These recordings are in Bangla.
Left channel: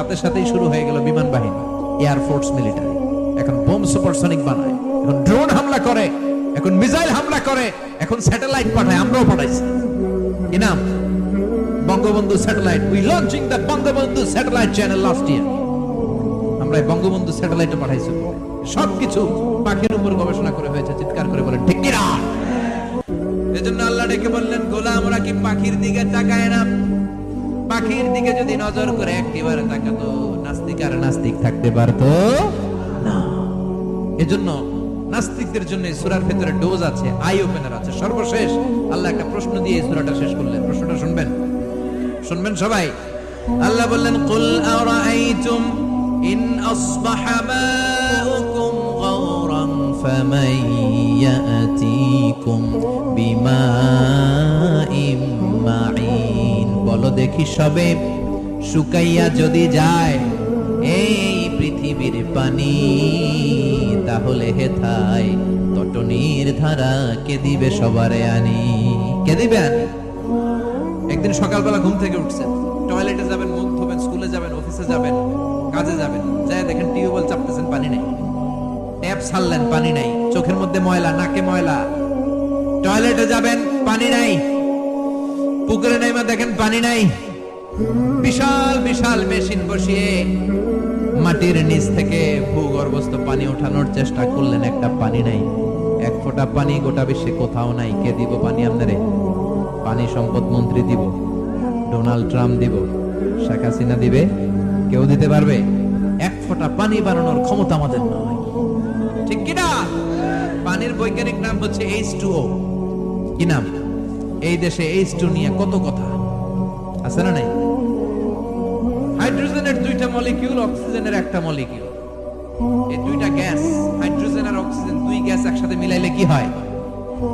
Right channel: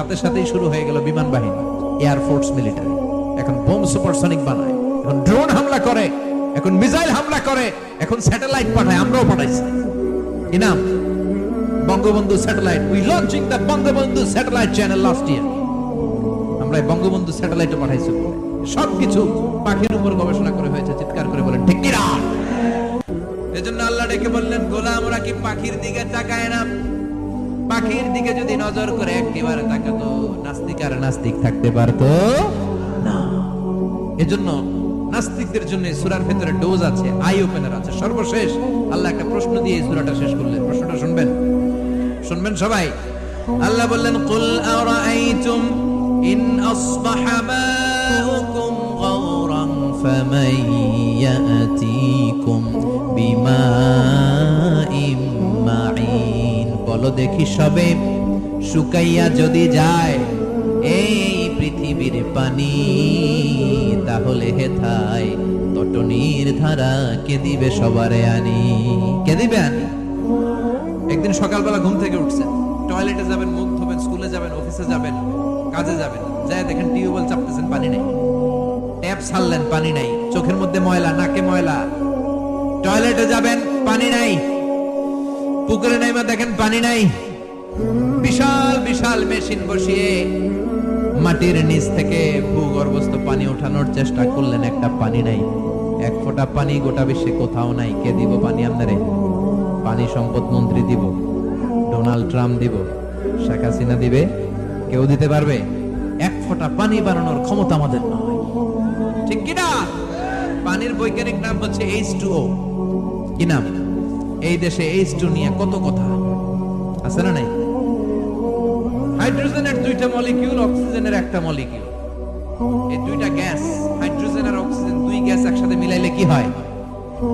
সাথে সাথেই শুরু হয়ে গেল বিমান বাহিনী, এয়ারফোর্স, মিলিটারি। এখন বোম সুপারসনিক বানায়, এখন ড্রোন হামলা করে, এখন মিসাইল হামলা করে, এখন স্যাটেলাইট পাঠায়। আমরাও পাঠাইছি। কি নাম? Bangabandhu satellite. We launching the Bangabandhu satellite channel last year. আমরা বঙ্গবন্ধু স্যাটেলাইটও পাঠাইছি বলে সবকিছু পাখির উপর গবেষণা করে হয়েছে। চিৎকার করে বলেন ঠিক কিনা? এজন্য আল্লাহ ডেকে বললেন, গোলাম ওরা কি পাখির দিকে তাকায় না? পাখির দিকে যদি নজর করে একটিবারে তাকাতো, নাস্তিক আর নাস্তিক থাকতে পারতো না। এজন্য নাস্তিকদের জন্য সূরার ভিতরে ডোজ আছে, আই ওপেনার আছে। সর্বশেষ আল্লাহ একটা প্রশ্ন দিয়ে এই সূরাটা শেষ করলেন। প্রশ্নটা শুনবেন, শুনবেন সবাই। আল্লাহ বললেন, কুল আরাআইতুম ইন আসবাহা মাউকুম গাওরান ফামান ইয়াতিকুম বিমাইম মাইন। বলো দেখি সবে, শুকাইয়া যদি যায় এই পৃথিবীর পানি, তাহলে হেথায় তটনির ধারা কে দিবে সবারে আনি? কে দিবে আনি? একদিন সকালবেলা ঘুম থেকে উঠছেন, টয়লেটে যাবেন, মুখ ধোবেন, স্কুলে যাবেন, অফিসে যাবেন, কাজে যাবেন, যায় দেখেন টিউবওয়েল চাপতেছেন, পানি নেই। ট্যাপ ছাড়লেন, পানি নাই। চোখের মধ্যে ময়লা, নাকে ময়লা। টয়লেটে যাবেন, পানি নাই। পুকুরে নাইমা দেখেন পানি নাই। বিশাল বিশাল মেশিন বসিয়ে মাটির নিচ থেকে ভূগর্ভস্থ পানি ওঠানোর চেষ্টা করলেন, একটা পানি নাই। এক ফোঁটা পানি গোটা বিশ্বে কোথাও নাই। কে দিব পানি আপনারে? পানি সম্পদ মন্ত্রী দিব, ডোনাল্ড ট্রাম্প দিব, শেখ হাসিনা দিবে? কেউ দিতে পারবে? এক ফোঁটা পানি বানানোর ক্ষমতা আমাদের নয়। ঠিক কিনা? পানির বৈজ্ঞানিক নাম হচ্ছে H2O। কি নাম? এই দেশে H2 নিয়ে কত কথা আছে না নাই? হাইড্রোজেনের দুইটা মলিকিউল, অক্সিজেনের একটা মলিকিউল। এই দুইটা গ্যাস, হাইড্রোজেন আর অক্সিজেন, দুই গ্যাস একসাথে মিলাইলে কি হয়?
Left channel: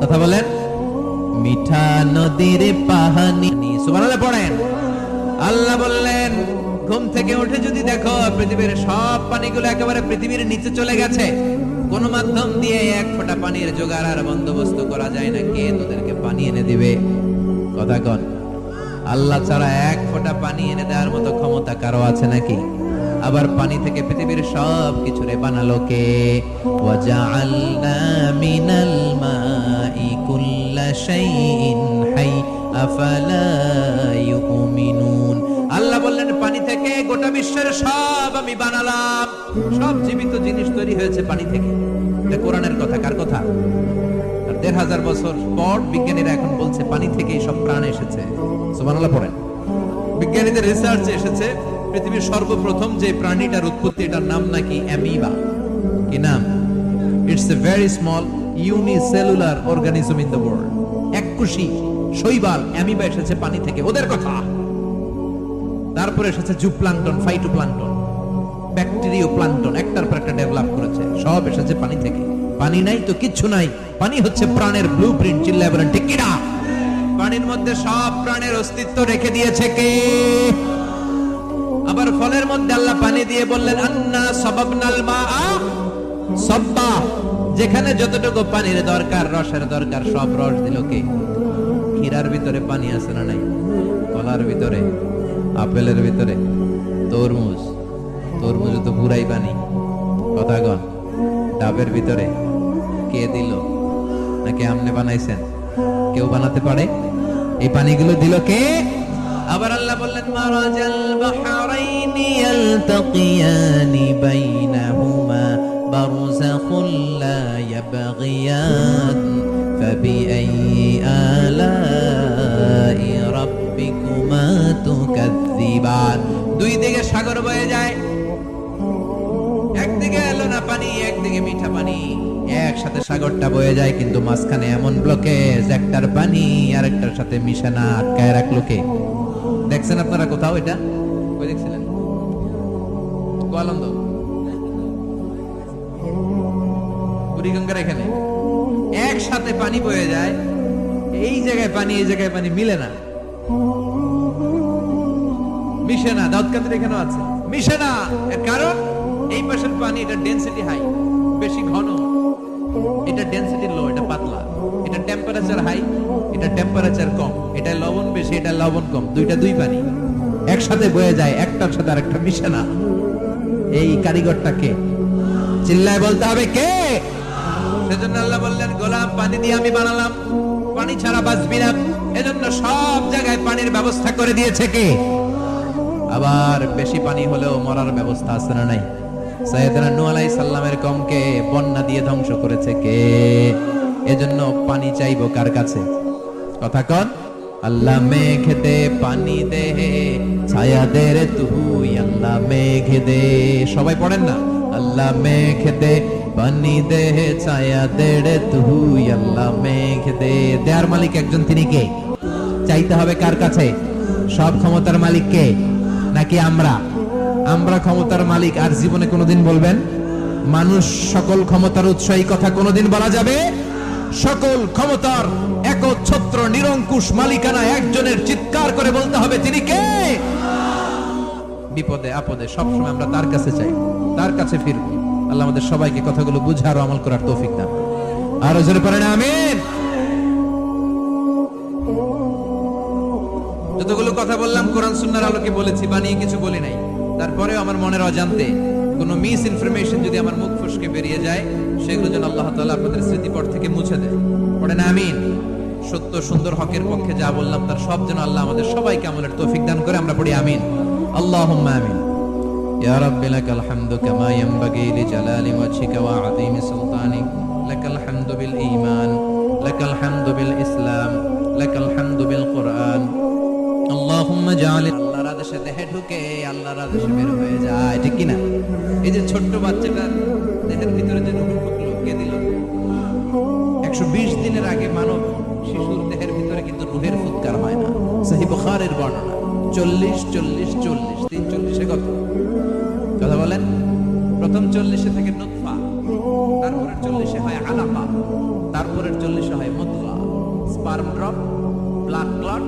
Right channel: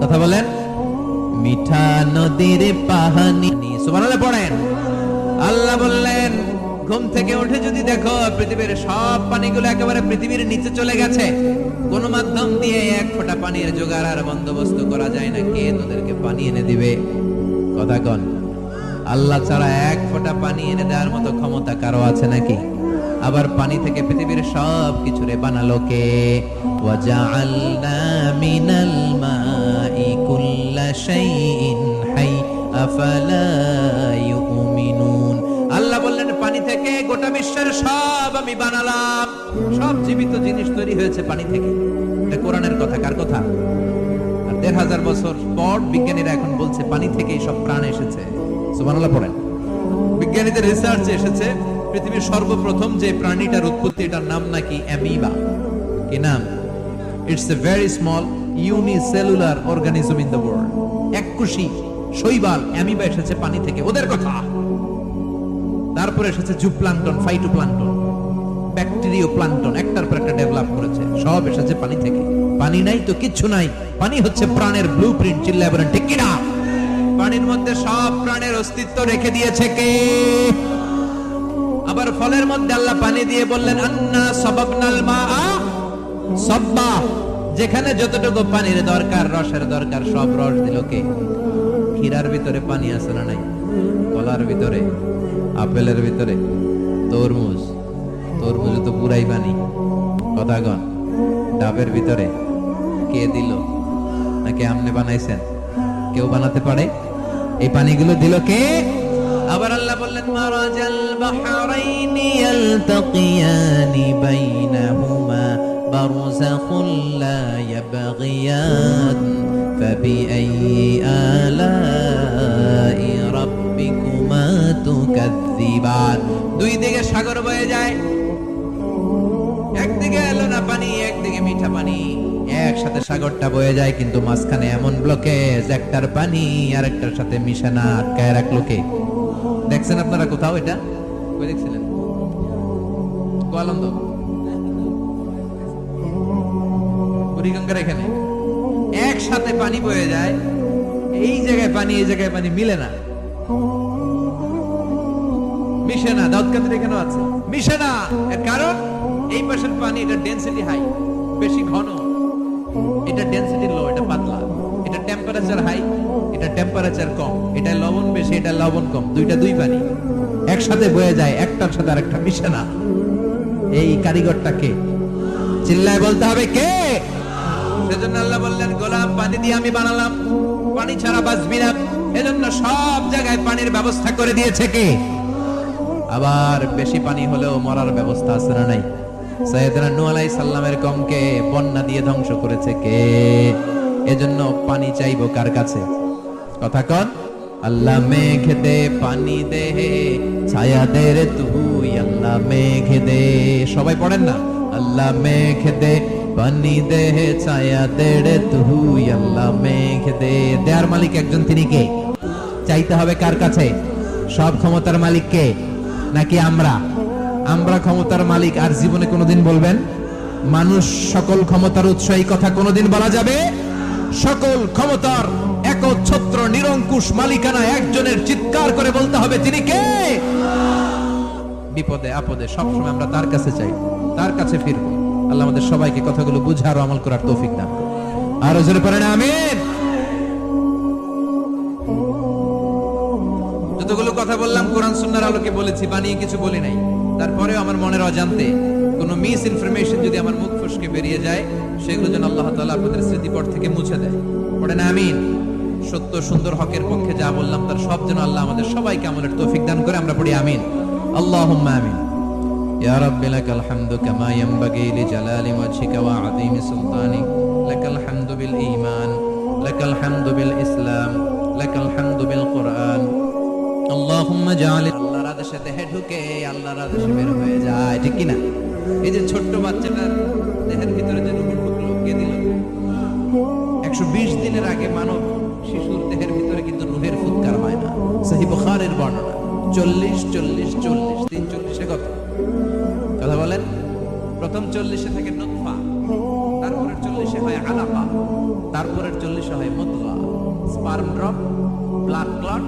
কথা বলেন। মিঠা নদীর পানি। সুবহানাল্লাহ পড়েন। আল্লাহ বললেন, ঘুম থেকে উঠে যদি দেখো পৃথিবীর সব পানিগুলো একেবারে পৃথিবীর নিচে চলে গেছে, কোন মাধ্যম দিয়ে এক ফোঁটা পানির জোগাড় আর বন্দোবস্ত করা যায় না, কে তোদেরকে পানি এনে দিবে? কথা কন। আল্লাহ ছাড়া এক ফোঁটা পানি এনে দেওয়ার মতো ক্ষমতা কারো আছে নাকি? আবার পানি থেকে পৃথিবীর সব কিছুরে বানালো কে? ওয়াজআলনা মিনাল মাই কুল্লা শাইইন হাই আফালা ইউমিনুন। আল্লাহ বললেন, পানি থেকে গোটা বিশ্বের সব আমি বানালাম। সব জীবিত জিনিস তৈরি হয়েছে পানি থেকে। এটা কোরআনের কথা। কার কথা? আর ১৫০০ বছর পর বিজ্ঞানীরা এখন বলছে পানি থেকেই সব প্রাণ এসেছে। সুবহানাল্লাহ পড়েন। বিজ্ঞানীদের রিসার্চে এসেছে পৃথিবীর সর্বপ্রথম যে প্রাণীটার উৎপত্তি, এটার নাম নাকি অ্যামিবা। কি নাম? It's a very small unicellular organism in the world. এককোষী শৈবাল অ্যামিবা এসেছে পানি থেকে, ওদের কথা। তারপরে এসেছে জুপ্লাঙ্কটন, ফাইটোপ্লাঙ্কটন, ব্যাকটেরিয়া প্লাঙ্কটন, একটার পর একটা ডেভেলপ করেছে। সব এসেছে পানি থেকে। পানি নাই তো কিচ্ছু নাই। পানি হচ্ছে প্রাণের ব্লুপ্রিন্ট। চিল্লায় বলেন ঠিক কিনা? পানির মধ্যে সব প্রাণের অস্তিত্ব রেখে দিয়েছে কে? আবার ফলের মধ্যে আল্লাহ পানি দিয়ে বললেন, আন্না সাবাবনাল মাআ সাব্বা। যেখানে যতটুকু পানির দরকার, রসের দরকার, সব রস দিল কে? ক্ষীরার ভিতরে পানি আছে না নাই? কলার ভিতরে, আপেলের ভিতরে, তরমুজ, তরমুজে তো পুরাই পানি। কথা গন। ডাবের ভিতরে কে দিল? নাকি আমনে বানাইছেন? কেউ বানাতে পারে? এই পানিগুলো দিল কে? আবার আল্লাহ বললেন, মারাজাল বাহরাইনি ইয়ালতাকিয়ানি বাইনাহুমা বারযাখুন লা ইয়াবগিয়ান ফাবিআইয়ি আলাই রাব্বিকুমা তুকাযযিবান। দুই দিকে সাগর বয়ে যায়, একদিকে এলো না পানি, একদিকে মিঠা পানি, একসাথে সাগরটা বয়ে যায়, কিন্তু মাঝখানে এমন ব্লকেজ, একটার পানি আরেকটার সাথে মিশে না, আটকায় রাখলো কে? দেখছেন আপনারা কোথাও এটা? কই দেখছিলেন? গোয়ালন্দ, বুড়িগঙ্গার এখানে একসাথে পানি বয়ে যায়। এই জায়গায় পানি, এই জায়গায় পানি মিলে না, মিশে না। দাউদকান্দির এখানেও আছে, মিশে না। এর কারণ এই পাশের পানি, এটা ডেনসিটি হাই, বেশি ঘন, এটা ডেনসিটি লো, এটা পাতলা। এটা টেম্পারেচার হাই, এটা টেম্পারেচার কম। এটা লবণ বেশি, এটা লবণ কম। দুইটা দুই পানি। একসাথে বয়ে যায়, একটার সাথে আরেকটা মিশে না। এই কারিগরটাকে চিল্লায় বলতে হবে কে? সেজন্য আল্লাহ বললেন, গোলাম পানি দিয়ে আমি বানালাম, পানি ছাড়া বাঁচবি না। এজন্য সব জায়গায় পানির ব্যবস্থা করে দিয়েছে কে? আবার বেশি পানি হলেও মরার ব্যবস্থা আছে না নাই? সাইয়েদনা নূহ আলাইহিস সালামের কওমকে বন্যা দিয়ে ধ্বংস করেছে কে? এজন্য পানি চাইবো কার কাছে? কথা কন। আল্লাহ মেঘ দে পানি দে, ছায়া দে রে তুই আল্লাহ মেঘ দে। সবাই পড়েন না, আল্লাহ মেঘ দে পানি দে, ছায়া দে রে তুই আল্লাহ মেঘ দে। দেয়ার মালিক একজন, তিনি কে? চাইতে হবে কার কাছে? সব ক্ষমতার মালিক কে? নাকি আমরা? আমরা ক্ষমতার মালিক। আর জীবনে কোনোদিন বলবেন মানুষ সকল ক্ষমতার উৎস, এই কথা কোনোদিন বলা যাবে? সকল ক্ষমতার একচ্ছত্র নিরঙ্কুশ মালিকানা একজনের, চিৎকার করে বলতে হবে তিনি কে? বিপদে আপদে সবসময় আমরা তার কাছে চাই, তার কাছে ফিরবো। আল্লাহ আমাদের সবাইকে কথাগুলো বুঝার ও আমল করার তৌফিক দান করুন। আর জোরে পড়েন আমিন। যতগুলো কথা বললাম কোরআন সুন্নাহর আলোকে বলেছি, বানিয়ে কিছু বলি নাই। তারপরেও আমার মনের অজান্তে কোন মিস ইনফরমেশন যদি আমার মুখ ফসকে বেরিয়ে যায়, সেগুলো যেন আল্লাহ তাআলা আপনাদের স্মৃতিপট থেকে মুছে দেয়। পড়েন আমিন। সত্য সুন্দর হকের পক্ষে যা বললাম তার সব যেন আল্লাহ আমাদের সবাইকে আমলের তৌফিক দান করে। আমরা পড়ি আমিন। আল্লাহুম্মা আমিন। ইয়া রাব্বি লাকাল হামদু কামা ইয়ানবাগি লিজালালি ওয়াজহিকা ওয়া আযীমি সুলতানিক। লাকাল হামদু বিল ঈমান, লাকাল হামদু বিল ইসলাম, লাকাল হামদু বিল কুরআন। আল্লাহুম্মা জাআল, আল্লাহর আদেশে দেহে ঢুকে আল্লাহর আদেশে বের হয়ে যায়, ঠিক কি না? এই যে ছোট্ট বাচ্চাটার দেহের ভিতরে যে রূহ ঢুকলো, কে দিল? 120 দিনের আগে মানব শিশুর দেহের ভিতরে কিন্তু রূহের ফুৎকার হয় না। সহিহ বুখারীর বর্ণনা 40 40 40 340 কত কথা বলেন? প্রথম 40 থাকে নুতফা, তারপরের 40 হয় আলাকা, তারপরের 40 হয় মুদগা, sperm drop, blood clot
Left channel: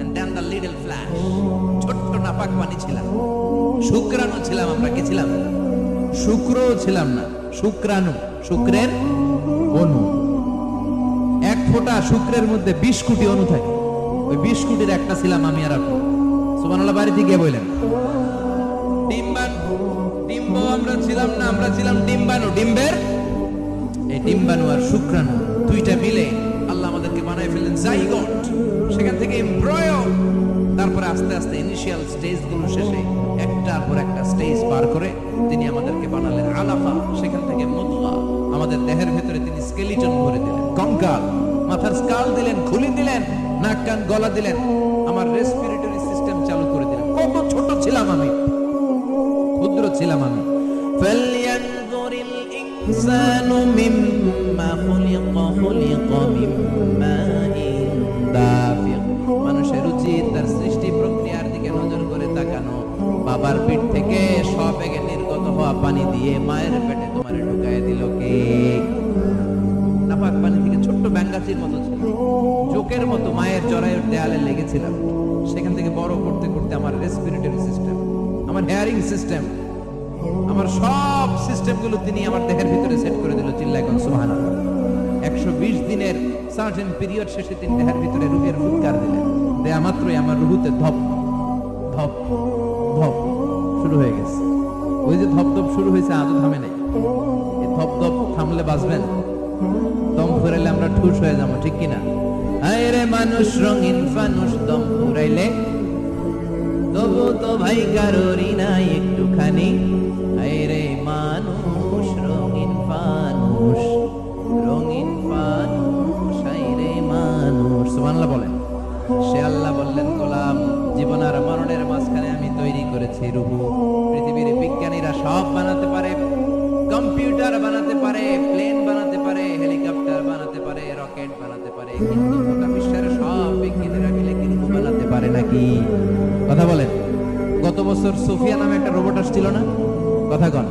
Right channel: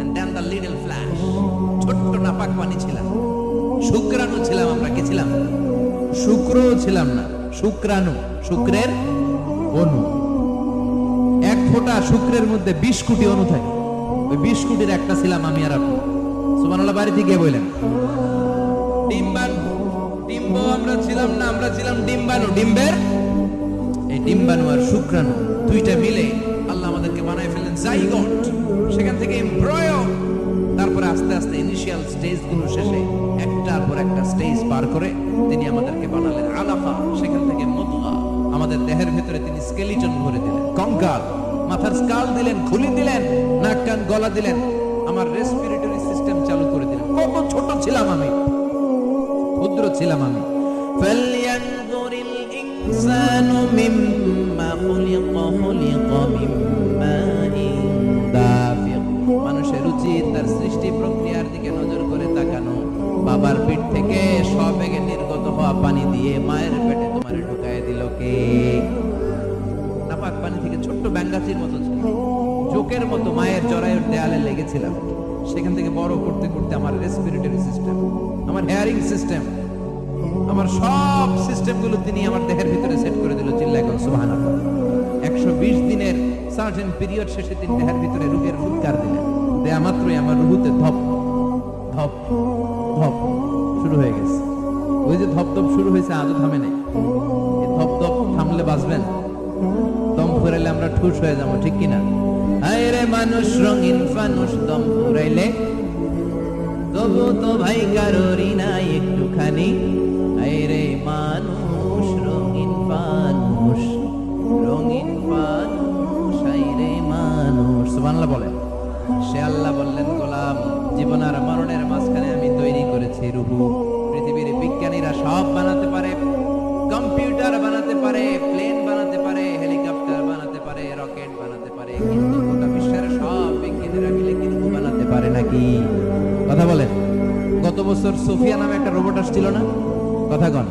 and then the little flash। ছোট্ট নাপাক পানি ছিলাম, শুক্রাণু ছিলাম আমরা। কি ছিলাম? শুক্র ছিলাম না, শুক্রাণু, শুক্রের অণু। এক ফোঁটা শুক্রের মধ্যে 20 কোটি অণু থাকে। ওই 20 কোটির একটা ছিলাম আমি আর আপনি। সুবহানাল্লাহ। বাড়িতে গিয়ে বললেন ডিম্বাণু, ডিম্ব আমরা ছিলাম না, আমরা ছিলাম ডিম্বাণু। ডিম্বের এই ডিম্বাণু আর শুক্রাণু দুইটা মিলে আল্লাহ আমাদেরকে বানায় ফেললেন জাইগট। সেখান থেকে এমব্রয়ো, তারপরে আস্তে আস্তে ইনিশিয়াল স্টেজ গুলো শেষে একটার পর একটা স্টেজ পার করে তিনি আমাদেরকে বানালেন আলাকা। সেখান থেকে মুদগা, আমাদের দেহের ভিতরে তিনি স্কেলিটন ভরে দিলেন, কঙ্কাল, মাথার স্কাল দিলেন, খুলি দিলেন, নাক কান গলা দিলেন, আমার রেসপিরেটরি সিস্টেম চালু করে দিলেন। কত ছোট ছিলাম আমি, ক্ষুদ্র ছিলাম আমি। ফালইয়ানজুরিল ইনসানু মিম্মা খুলিকা, খুলিকা মিম্মাইন দাফিক। মানুষের উচিত তার সৃষ্টি প্রক্রিয়ার দিকে নজর করে তাকানো। বাবার পিঠ থেকে সবেগে নির্গত হওয়া পানি দিয়ে মায়ের পেটে তোমারে ঢুকায় দিল কে? নাপাক পানি থেকে ছোট্ট ব্যাঙ্গাচির মতো ছিল, জোকের মতো মায়ের জরায়ুর দেয়ালে লেগেছিলাম। সেখান থেকে বড় করতে করতে আমার রেসপিরেটরি সিস্টেম, আমার হেয়ারিং সিস্টেম, আমার সব সিস্টেম গুলো তিনি আমার দেহের ভিতরে সেট করে দিল। চিল্লায় কোন সুবহানাল্লাহ। 120 দিনের সার্টেন পিরিয়ড শেষে তিনি দেহের ভিতরে রূহের ফুৎকার দিলেন। দেয়া মাত্রই আমার রুহুতে ধপ ধপ ধপ শুরু হয়ে গেছে। ওই যে ধপ ধপ শুরু হয়েছে, আজও থামে নাই। এই ধপ ধপ থামলে বাঁচবেন, দম ফুরাইলে আমরা ঠুস হয়ে যাবো, ঠিক কিনা? আয় রে মানুষ রঙিন ফানুষ, দম ফুরাইলে তবু তো ভাই কারোরই নাই একটুখানি। আয় রে মানুষ রঙিন ফানুষ, রঙিন ফানুষ, আয় রে মানুষ। সুবহানাল্লাহ বলেন। সে আল্লাহ বললেন, গোলাম জীবন আর মরণের মাঝখানে আমি তৈরি করেছি রূহ। পৃথিবীর বিজ্ঞানীরা সব বানাতে পারে, কম্পিউটার বানাতে পারে, প্লেন বানাতে পারে, হেলিকপ্টার বানাতে পারে, রকেট বানাতে পারে, কিন্তু গোটা বিশ্বের সব বিজ্ঞানীরা মিলে কি রূহ বানাতে পারে নাকি? কথা বলেন। গত বছর সোফিয়া নামে একটা রোবট আসছিল না? কথা কন।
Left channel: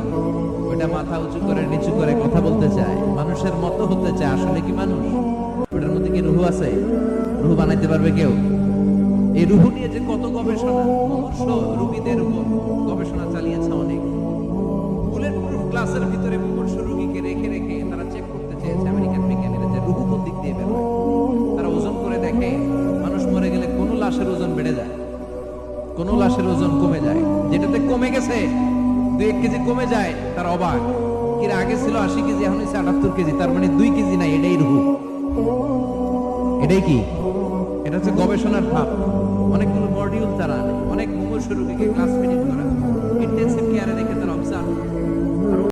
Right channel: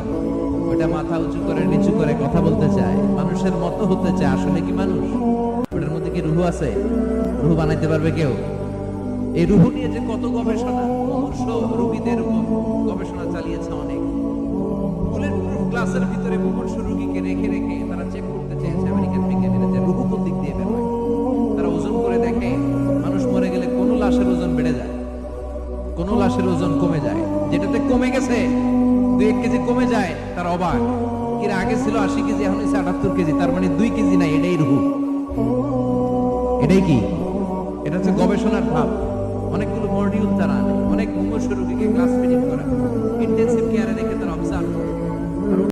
ওটা মাথা উঁচু করে নিচু করে কথা বলতে চায়, মানুষের মতো হতে চায়। আসলে কি মানুষ? ওটার মধ্যে কি রূহ আছে? রূহ বানাইতে পারবে কেউ? এই রূহ নিয়ে যে কত গবেষণা, মুমূর্ষ রোগীদের উপর গবেষণা চালিয়েছে অনেক। বুলেট প্রুফ গ্লাসের ভিতরে মুমূর্ষ রোগীকে রেখে রেখে তারা চেক করতে চেয়েছে আমেরিকান বিজ্ঞানীরা যে রূহ কোন দিক দিয়ে বের হয়। তারা ওজন করে দেখে মানুষ মরে গেলে কোন লাশের ওজন বেড়ে যায়, কোন লাশের ওজন কমে যায়, যেটাতে কমে গেছে 2-1 কেজি কমে যায়, তার অবাক, কিরা আগে ছিল 80 কেজি, এখন হচ্ছে 78 কেজি, তার মানে 2 কেজি নাই, এটাই রুহ। এটাই কি? এটা হচ্ছে গবেষণার ধাপ। অনেকগুলো মডিউল তারা আনে, অনেক মুমূর্ষু রোগীকে ক্লাস ফিডিং করা, ইন্টেনসিভ কেয়ারে রেখে তারা অবজার্ভ করে।